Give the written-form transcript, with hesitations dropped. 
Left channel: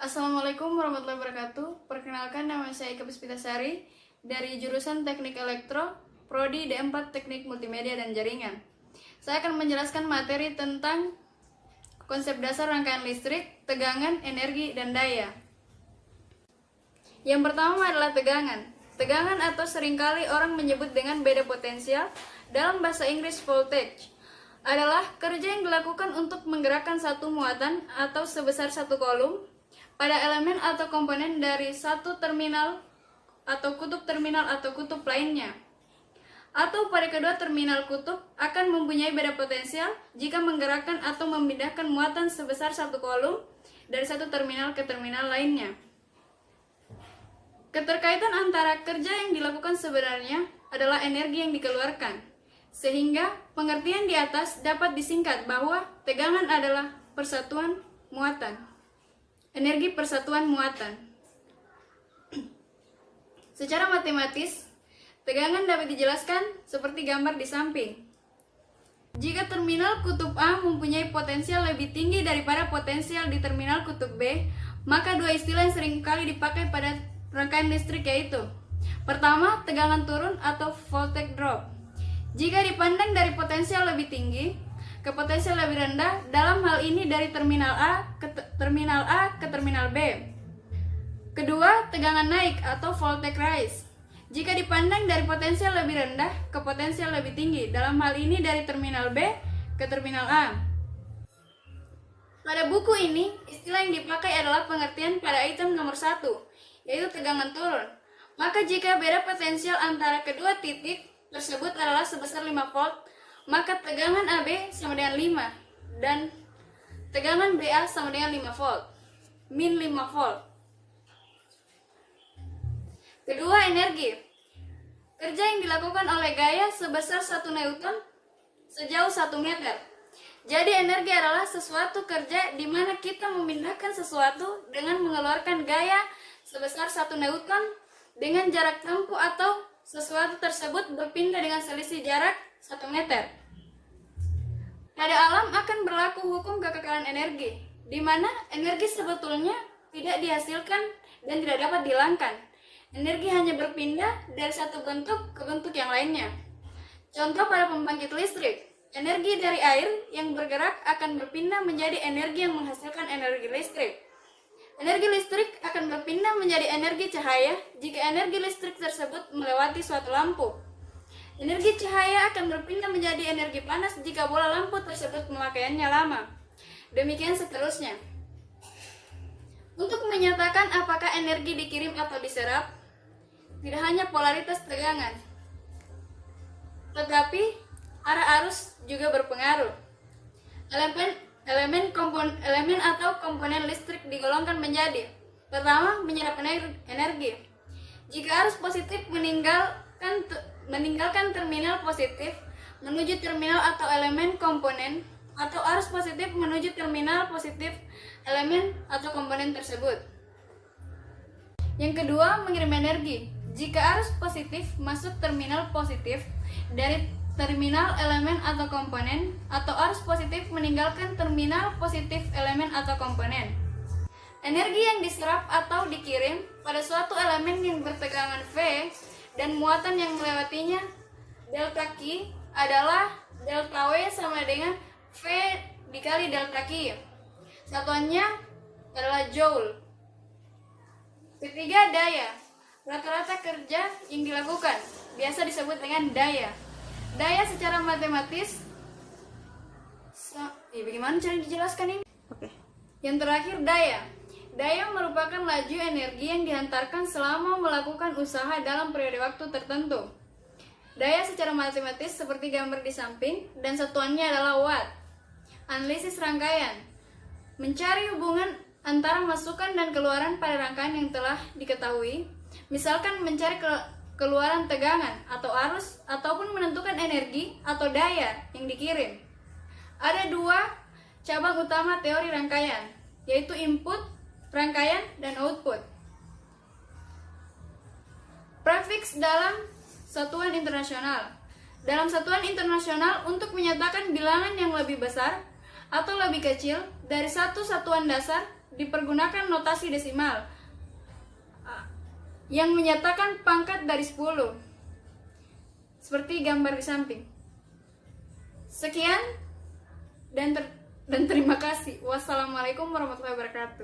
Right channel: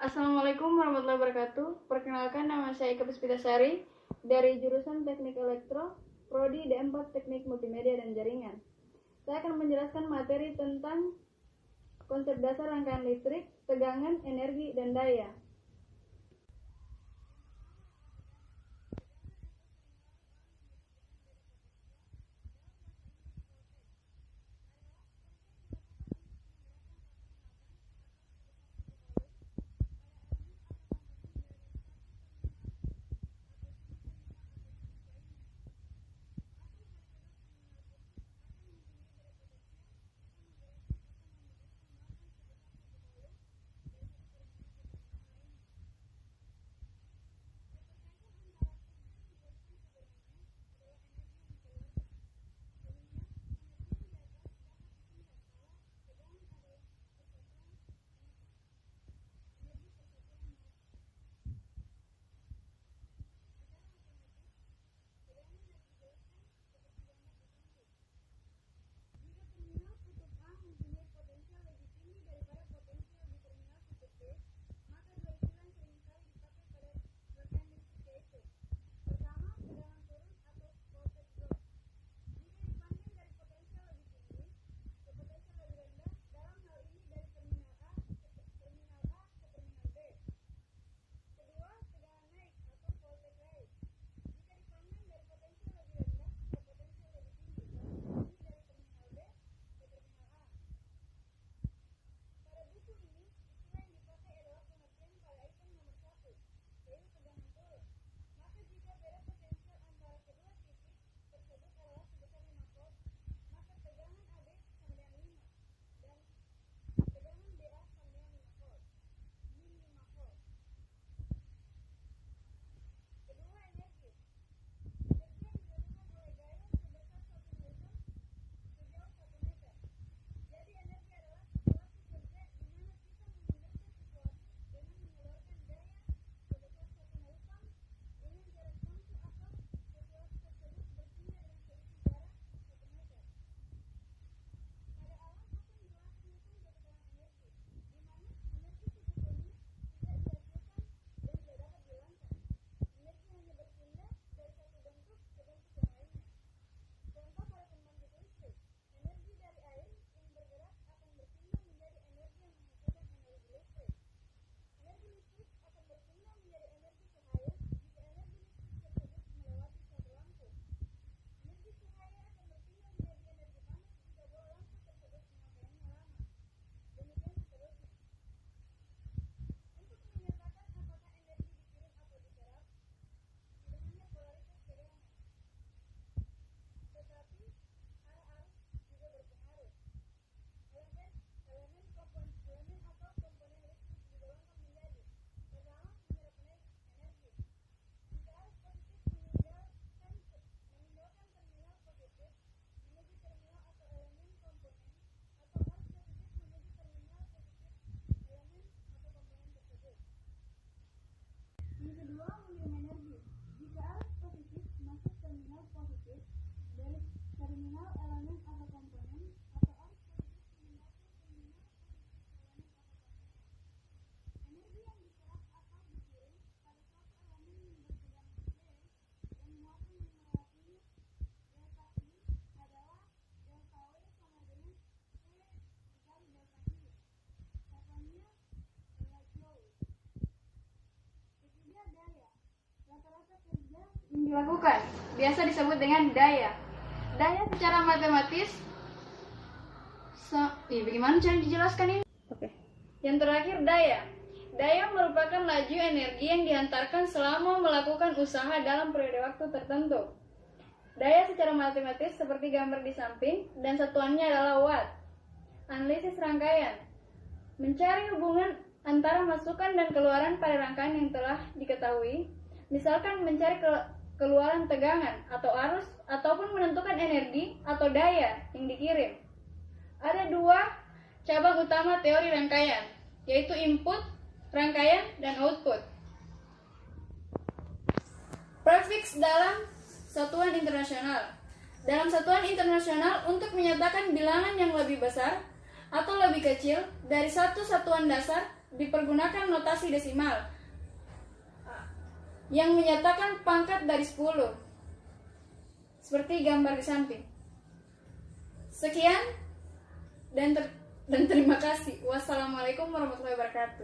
Assalamualaikum warahmatullahi wabarakatuh. Perkenalkan, nama saya Ika Puspitasari dari jurusan Teknik Elektro, Prodi D4 Teknik Multimedia dan Jaringan. Saya akan menjelaskan materi tentang konsep dasar rangkaian listrik, tegangan, energi, dan daya. Yang pertama adalah tegangan. Tegangan atau seringkali orang menyebut dengan beda potensial, dalam bahasa Inggris voltage, adalah kerja yang dilakukan untuk menggerakkan satu muatan atau sebesar satu kolom pada elemen atau komponen dari satu terminal atau kutub lainnya, atau pada kedua terminal kutub akan mempunyai beda potensial jika menggerakkan atau memindahkan muatan sebesar satu kolom dari satu terminal ke terminal lainnya. Keterkaitan antara kerja yang dilakukan sebenarnya adalah energi yang dikeluarkan, sehingga pengertian di atas dapat disingkat bahwa tegangan adalah persatuan muatan. Energi persatuan muatan. Secara matematis, tegangan dapat dijelaskan seperti gambar di samping. Jika terminal kutub A mempunyai potensial lebih tinggi daripada potensial di terminal kutub B, maka dua istilah yang sering kali dipakai pada rangkaian listrik yaitu: pertama, tegangan turun atau voltage drop. Jika dipandang dari potensial lebih tinggi ke potensial lebih rendah, dalam hal ini dari terminal A ke terminal B. Kedua, tegangan naik atau voltage rise. Jika dipandang dari potensial lebih rendah ke potensial lebih tinggi, dalam hal ini dari terminal B ke terminal A. Pada buku ini, istilah yang dipakai adalah pengertian pada item nomor 1, yaitu tegangan turun. Maka jika beda potensial antara kedua titik tersebut adalah sebesar 5 volt, maka tegangan AB sama dengan 5 dan tegangan BA sama dengan 5 volt, min 5 volt. Kedua, energi. Kerja yang dilakukan oleh gaya sebesar 1 Newton sejauh 1 meter. Jadi energi adalah sesuatu kerja di mana kita memindahkan sesuatu dengan mengeluarkan gaya sebesar 1 Newton dengan jarak tempuh atau sesuatu tersebut berpindah dengan selisih jarak 1 meter. Pada alam akan berlaku hukum kekekalan energi, di mana energi sebetulnya tidak dihasilkan dan tidak dapat dihilangkan. Energi hanya berpindah dari satu bentuk ke bentuk yang lainnya. Contoh pada pembangkit listrik, energi dari air yang bergerak akan berpindah menjadi energi yang menghasilkan energi listrik. Energi listrik akan berpindah menjadi energi cahaya jika energi listrik tersebut melewati suatu lampu. Energi cahaya akan berpindah menjadi energi panas jika bola lampu tersebut pemakaiannya lama. Demikian seterusnya. Untuk menyatakan apakah energi dikirim atau diserap, tidak hanya polaritas tegangan, tetapi arah arus juga berpengaruh. Elemen atau komponen listrik digolongkan menjadi: pertama, menyerap energi. Jika arus positif meninggalkan terminal positif menuju terminal atau elemen komponen, atau arus positif menuju terminal positif elemen atau komponen tersebut. Yang kedua, mengirim energi. Jika arus positif masuk terminal positif dari terminal elemen atau komponen, atau arus positif meninggalkan terminal positif elemen atau komponen. Energi yang diserap atau dikirim pada suatu elemen yang bertegangan V dan muatan yang melewatinya delta Q adalah delta W sama dengan V dikali delta Q. Satuannya adalah joule. Ketiga, daya. Rata-rata kerja yang dilakukan biasa disebut dengan daya. Daya secara matematis, bagaimana cara dijelaskan ini? Yang terakhir, daya. Daya merupakan laju energi yang dihantarkan selama melakukan usaha dalam periode waktu tertentu. Daya secara matematis seperti gambar di samping, dan satuannya adalah watt. Analisis rangkaian. Mencari hubungan antara masukan dan keluaran pada rangkaian yang telah diketahui. Misalkan mencari keluaran tegangan atau arus, ataupun menentukan energi atau daya yang dikirim. Ada dua cabang utama teori rangkaian, yaitu input rangkaian dan output. Prefiks dalam satuan internasional. Dalam satuan internasional, untuk menyatakan bilangan yang lebih besar atau lebih kecil dari satu satuan dasar, dipergunakan notasi desimal yang menyatakan pangkat dari 10 seperti gambar di samping. Sekian dan terima kasih. Wassalamualaikum warahmatullahi wabarakatuh.